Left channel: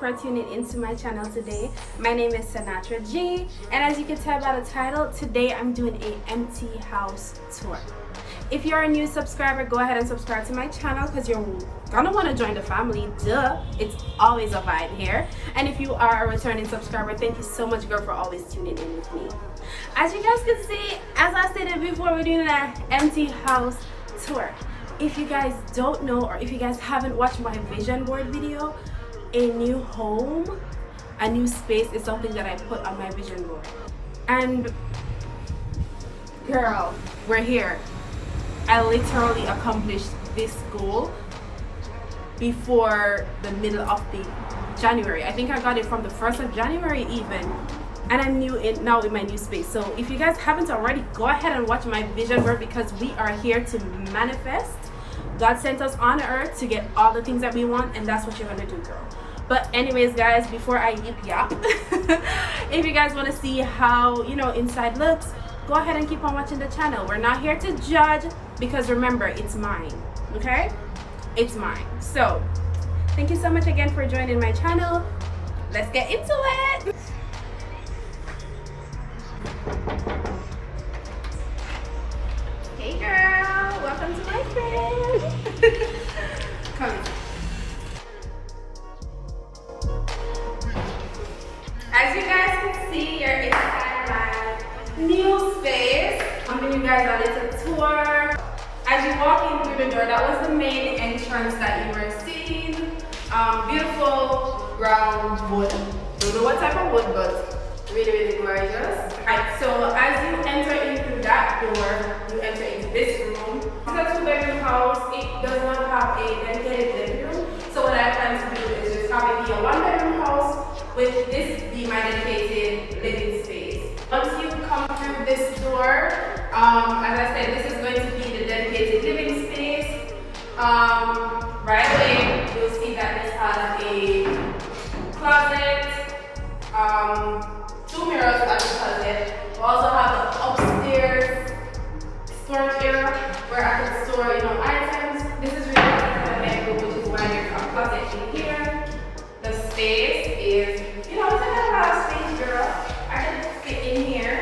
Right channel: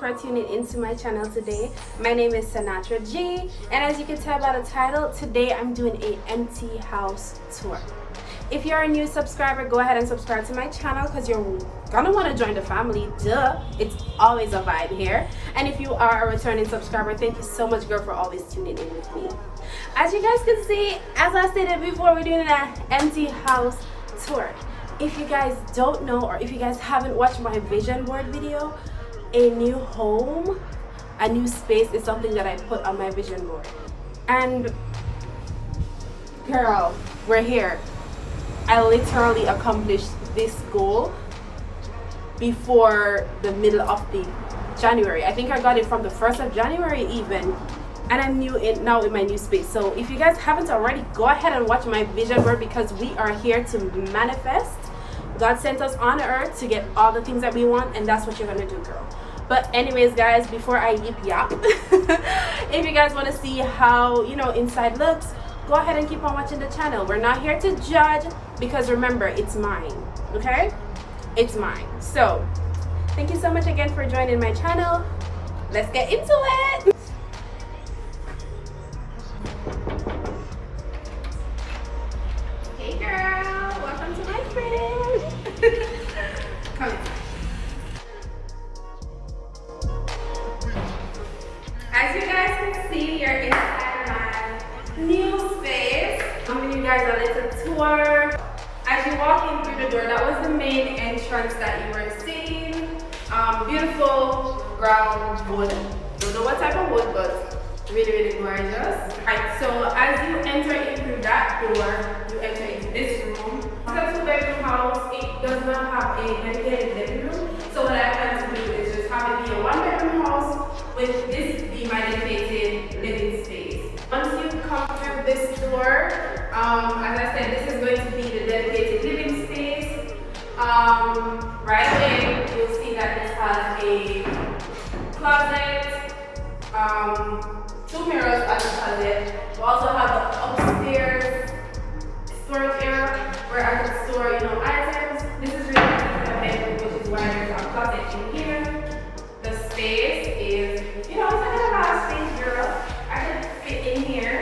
for tuning into my channel today. My name is Sanatra G, and as you can tell by the title, today I'm doing a empty house tour. If you're a new subscriber, go ahead and subscribe to my channel because you're gonna want to join the family. Duh, it's always a vibe here. And if you are a returning subscriber, thank you so much, girl, for always tuning in with me. As you guys can see, as I stated before, we're doing an empty house tour. If you guys don't know, or if you guys haven't watched my vision board video, a new home, a new space is something that I put on my vision board. And girl, we're here. I literally accomplished this goal before the middle of the January. I think I got it from the 1st of January even. And I'm now in my new space. So if you guys haven't already, go ahead and watch my vision board because we are here to manifest. God sent us on earth to get all the things that we want, and that's what you're gonna do, girl. But anyways, guys, before I yap, if you guys want to see how inside looks, go ahead and keep on watching the channel. We're not here to judge because remember, it's mine. Okay, it's mine. So thank you so much again for joining my channel. Let's get into it. Hey girl, welcome to my crib. Come in. As you guys can see, you're inside my new space. I'm giving you guys a little tour. As you walk in through the door, that was the main entrance that you were seeing. Beautiful brown wood. Don't know what type of wood, but really, really gorgeous. Alright, so as you enter in through that door, you enter into this room. It's a two-bedroom house. It does not have a dedicated living room. So what I plan to do is just have it be a one-bedroom house with this be my dedicated living space. Once you come through this door, as I said, this is going to be the dedicated living space. Right away, you'll see that it has a closet, 2 mirrors at the closet. We also have an upstairs storage area where I can store, items. This is really nice for the bedroom, which is why there's a closet in here. The space is, it's like a lot of space, girl. I can fit in here,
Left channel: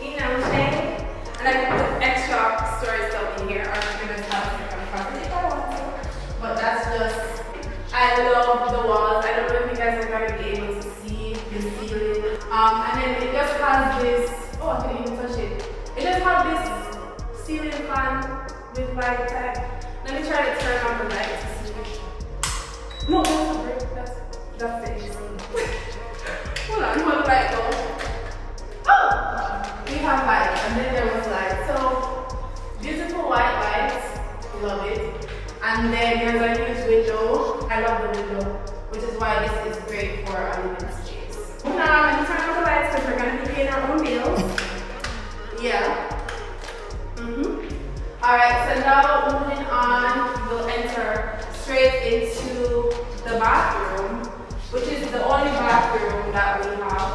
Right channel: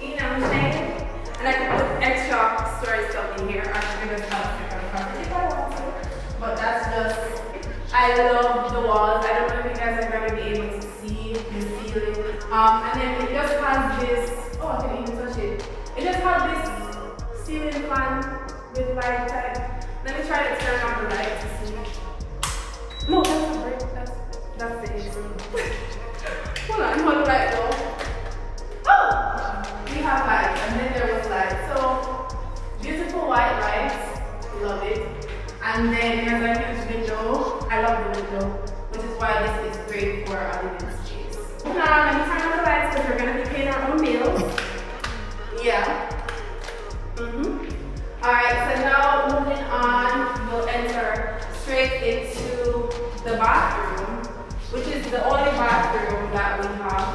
you know what I'm saying? And I can put extra storage stuff in here, or I can just have it on the closet if I want to. But that's just, I love the walls. I don't know if you guys are gonna be able to see the ceiling. And then it just has this, I couldn't even touch it. It just has this ceiling fan with light type. Let me try to turn on the light to see. No, that's it. Hold on, hold the light go. Oh! We have light, and then there was light. So, beautiful white lights, love it. And then there's a huge window. I love the window, which is why this is great for a living space. Now, let me turn on the lights because we're going to be paying our own bills. Yeah. Alright, so now moving on, we'll enter straight into the bathroom, which is the only bathroom that we have.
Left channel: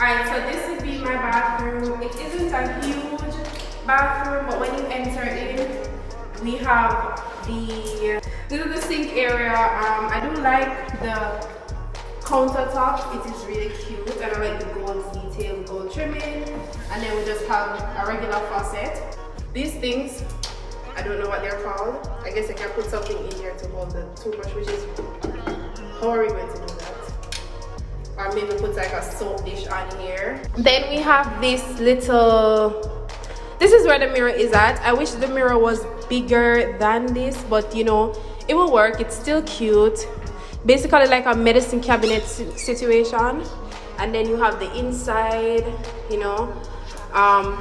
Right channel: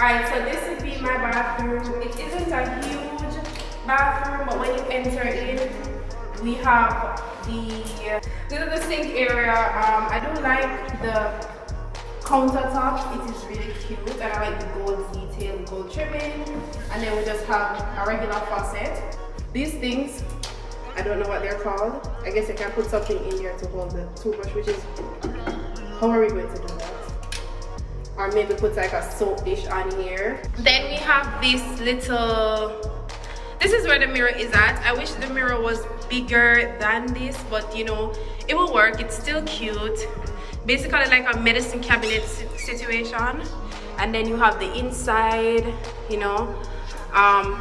Alright, so this would be my bathroom. It isn't a huge bathroom, but when you enter in, we have this is the sink area. I do like the countertop. It is really cute, and I like the gold detail, gold trimming. And then we just have a regular faucet. These things, I don't know what they're called. I guess you can put something in here to hold the toothbrush, which is, how are we going to do that? Or maybe put like a soap dish on here. Then we have this little, this is where the mirror is at. I wish the mirror was bigger than this, but it will work. It's still cute. Basically like a medicine cabinet situation. And then you have the inside,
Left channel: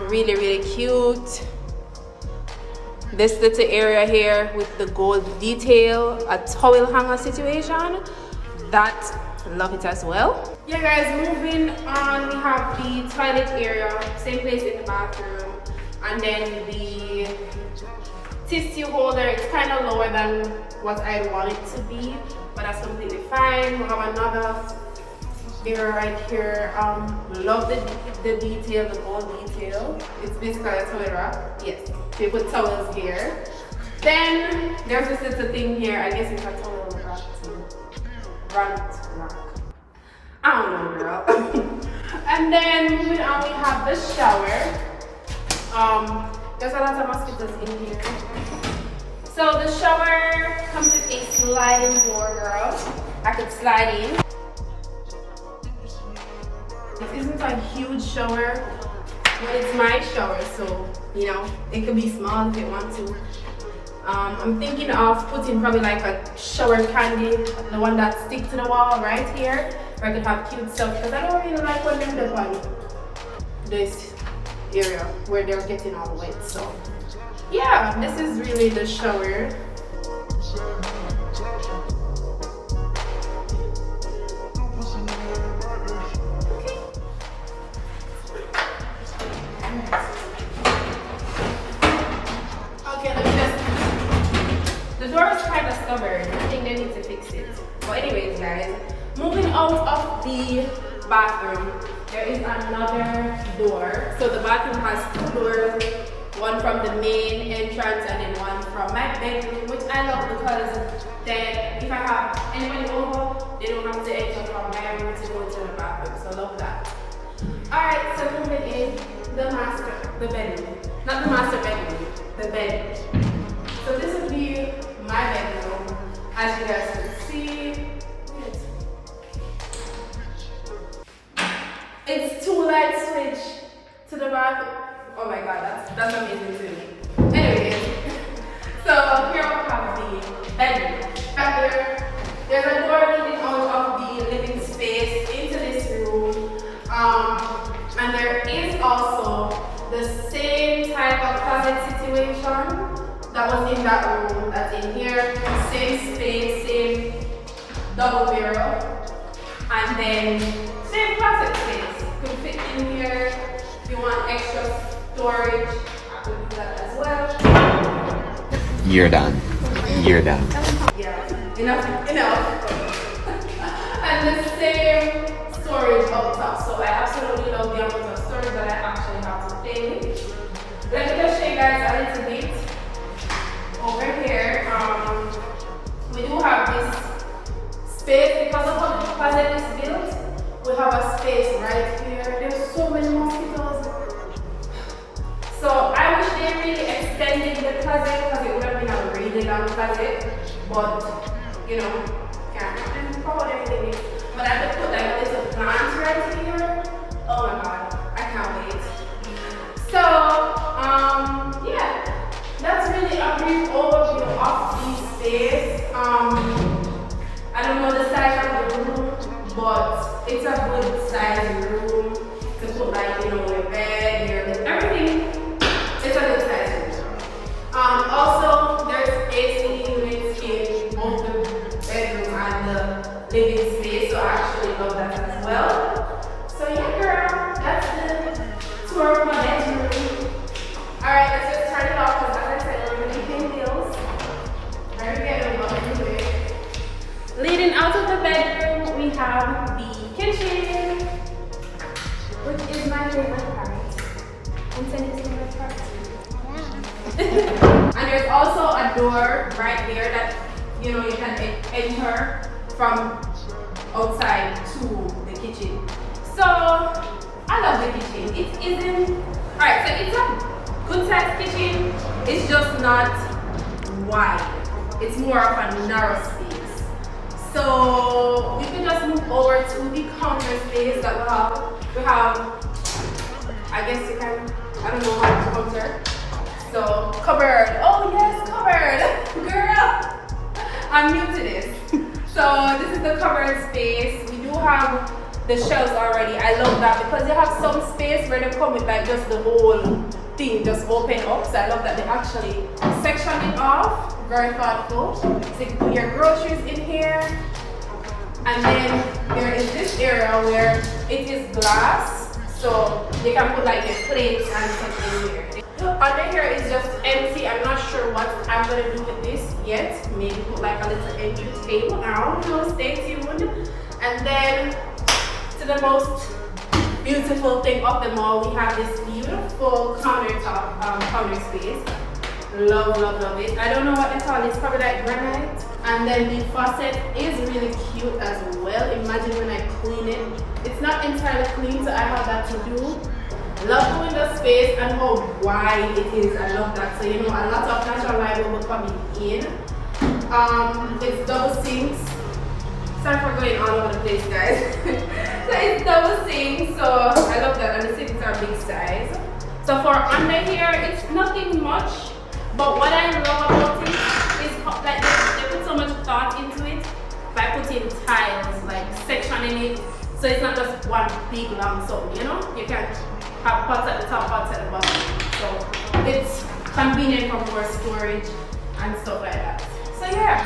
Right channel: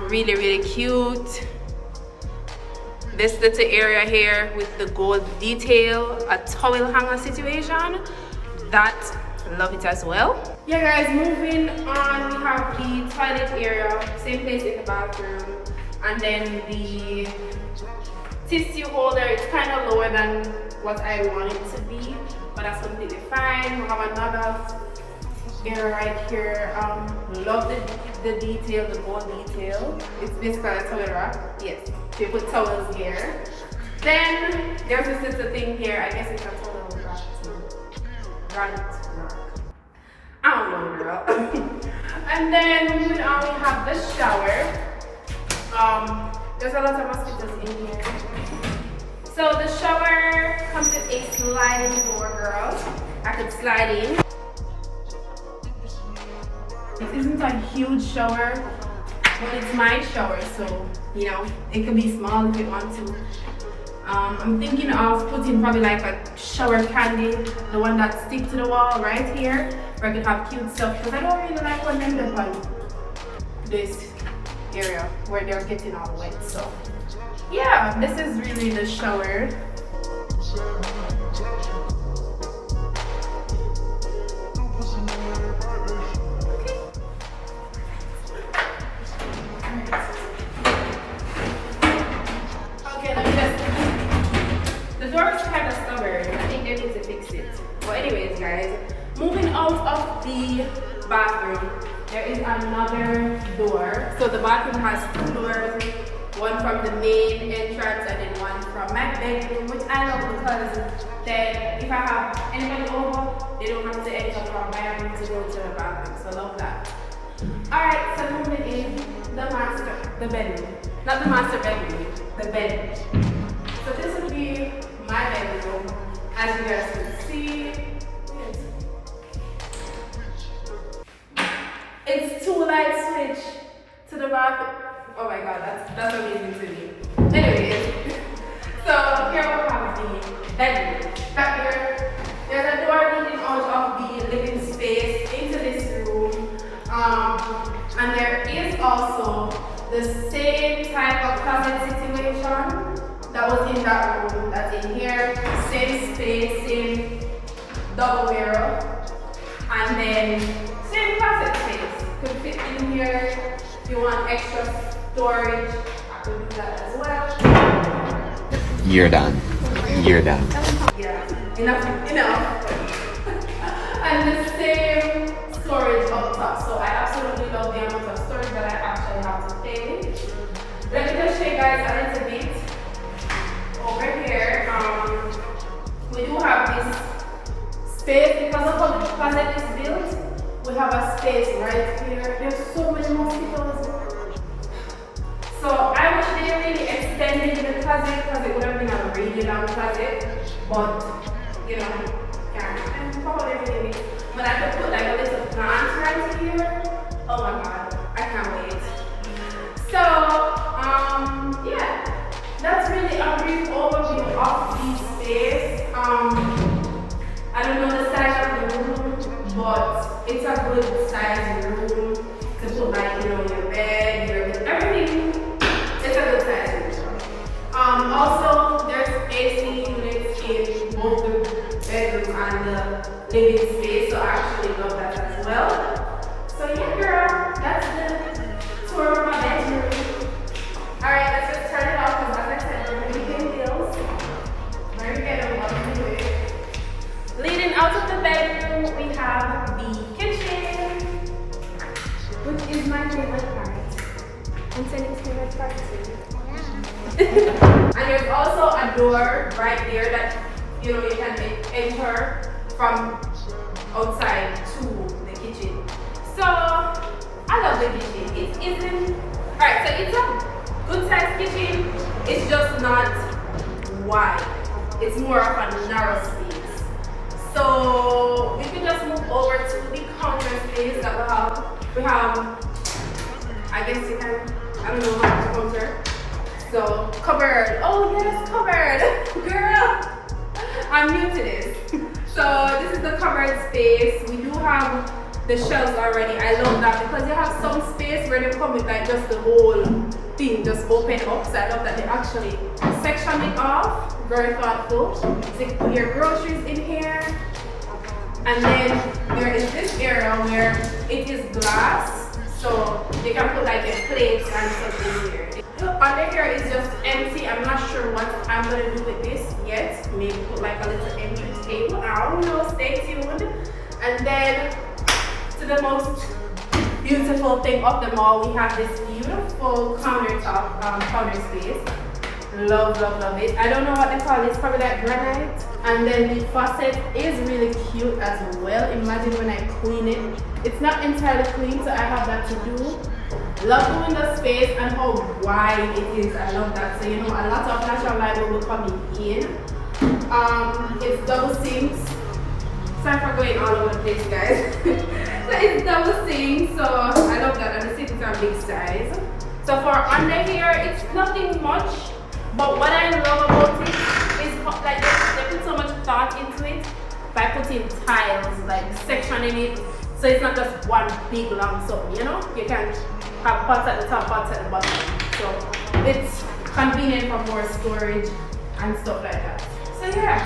really, really cute. This little area here with the gold detail, a towel hanger situation. Love it as well. Yeah guys, moving on, we have the toilet area, same place in the bathroom. And then the tissue holder, it's kind of lower than what I want it to be, but that's completely fine. We have another area right here. Love the detail, the gold detail. It's basically a towel rack. Yes, they put towels here. Then there's this little thing here. I guess it's a towel rack too. front lock. I don't know, girl. And then moving on, we have the shower. There's a lot of mosquitoes in here. So the shower comes with a sliding door, girl. I could slide in. This isn't a huge shower, but it's my shower, so you know it could be small if you want to. I'm thinking of putting probably like a shower candle, the one that sticks to the wall right here, where I could have cute stuff, because I don't really like when them live on this area where they're getting all wet. So yeah, this is really the shower. I think they need to fix it. But anyways, guys, moving out of the bathroom, there is another door. So the bathroom has two doors, one from the main entrance and then one from my bedroom, which I love because then if I have anybody over, they don't have to enter from my room to go to the bathroom. So I love that. Alright, so moving in the bedroom. Not the master bedroom, the bedroom. So this would be my bedroom, as you guys can see. It's two light switch to the bathroom. Oh my god, that's amazing to me. Anyways, so here we have the bedroom. Back there, there's a door leading out of the living space into this room. And there is also the same type of closet situation that was in that room that's in here. Same space, same double mirror, and then same closet space. Could fit in here. If you want extra storage, I could do that as well. You're done. You're done. Yeah, enough. And the same storage up top. So I absolutely love the amount of storage that I actually have to pay with. Let me just show you guys a little bit. Over here, we do have this space because of how the closet is built. We have a space right here. There's so many mosquitoes. So I wish they really extended the closet because it would have been a really long closet. But you know, can't forward everything. But I could put like a little plant right here. Oh my god, I can't wait. So yeah. That's really a brief overview of the space. I don't know the size of the room, but it's a good size room to put like, you know, your bed, your everything. It's a good size room. Also, there's AC units in both the bedroom and the living space, so I actually love that as well. So yeah, girl, that's the tour of my bedroom. Alright, let's just turn it off because as I said, we're going to be paying bills. Very good, what to do it. Leading out of the bedroom, we have the kitchen, which is my favorite part. And Cindy's favorite part too. And there's also a door right there that, you know, you can enter from outside to the kitchen. So, I love the kitchen. It isn't, alright, so it's a good sized kitchen, it's just not wide. It's more of a narrow space. So we can just move over to the counter space that we have, I guess you can, I don't know how to counter. So cupboard, oh yes, cupboard, girl, I'm new to this. So this is the cupboard space. We do have the shelves already. I love that because you have some space where they come with like just the whole thing just open up. So I love that they actually section it off. Very thoughtful. So you can put your groceries in here. And then there is this area where it is glass. So you can put like your plates and stuff in here. Under here is just empty. I'm not sure what I'm gonna do with this yet. Maybe put like a little empty table. I don't know, stay tuned. And then to the most beautiful thing of them all, we have this beautiful counter space. Love, love, love it. I don't know what they call it. It's probably like granite. And then the faucet is really cute as well. Imagine when I clean it. It's not entirely clean, so I have that to do. Love doing the space and how wide it is. I love that. So you know, a lot of natural light will be coming in. It's double sinks. Sorry for going all over the place, guys. So it's double sinks, so I love that. And the sinks are big size. So for under here, it's nothing much. But what I love about it is like they put so much thought into it by putting tiles, like sectioning it. So it's not just one big long soap, you know? You can have pots at the top, pots at the bottom. So it's convenient for more storage and stuff like that. So yeah,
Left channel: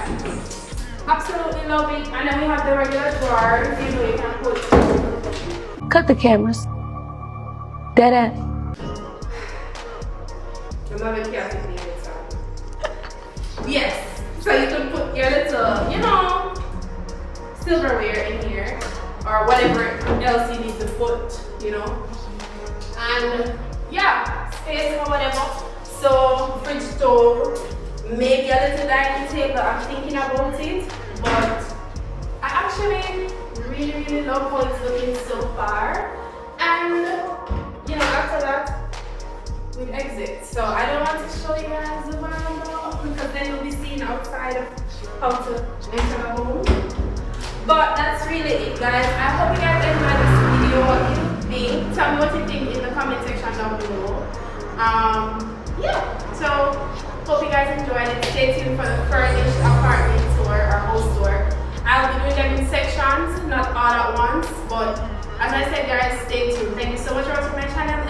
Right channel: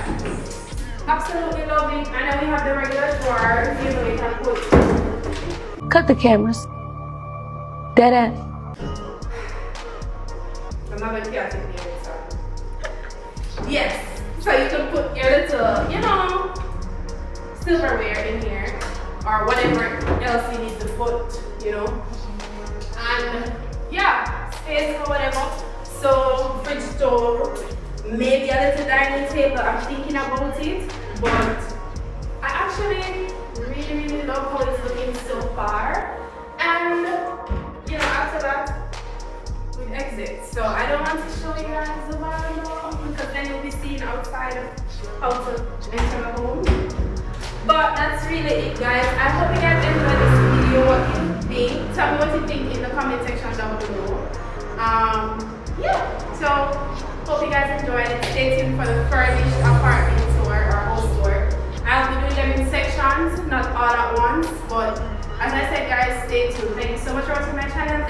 absolutely love it. And then we have the regular drawers, you know, you can put. Cut the cameras. Dead ass. I'm not very careful with it, so. Yes, so you can put your little, you know, silverware in here or whatever else you need to put, you know. And yeah, space or whatever. So fridge stove, maybe a little dining table. I'm thinking about it, but I actually really love how it's looking so far. And you know, after that, we exit. So I don't want to show you guys the window because then you'll be seeing outside of how to enter a home. But that's really it, guys. I hope you guys enjoyed this video. What you think? Tell me what you think in the comment section down below. Yeah. So hope you guys enjoyed it. Stay tuned for the furnished apartment tour or house tour. I'll be doing them in sections, not all at once. But as I said, guys, stay tuned. Thank you so much for watching my channel.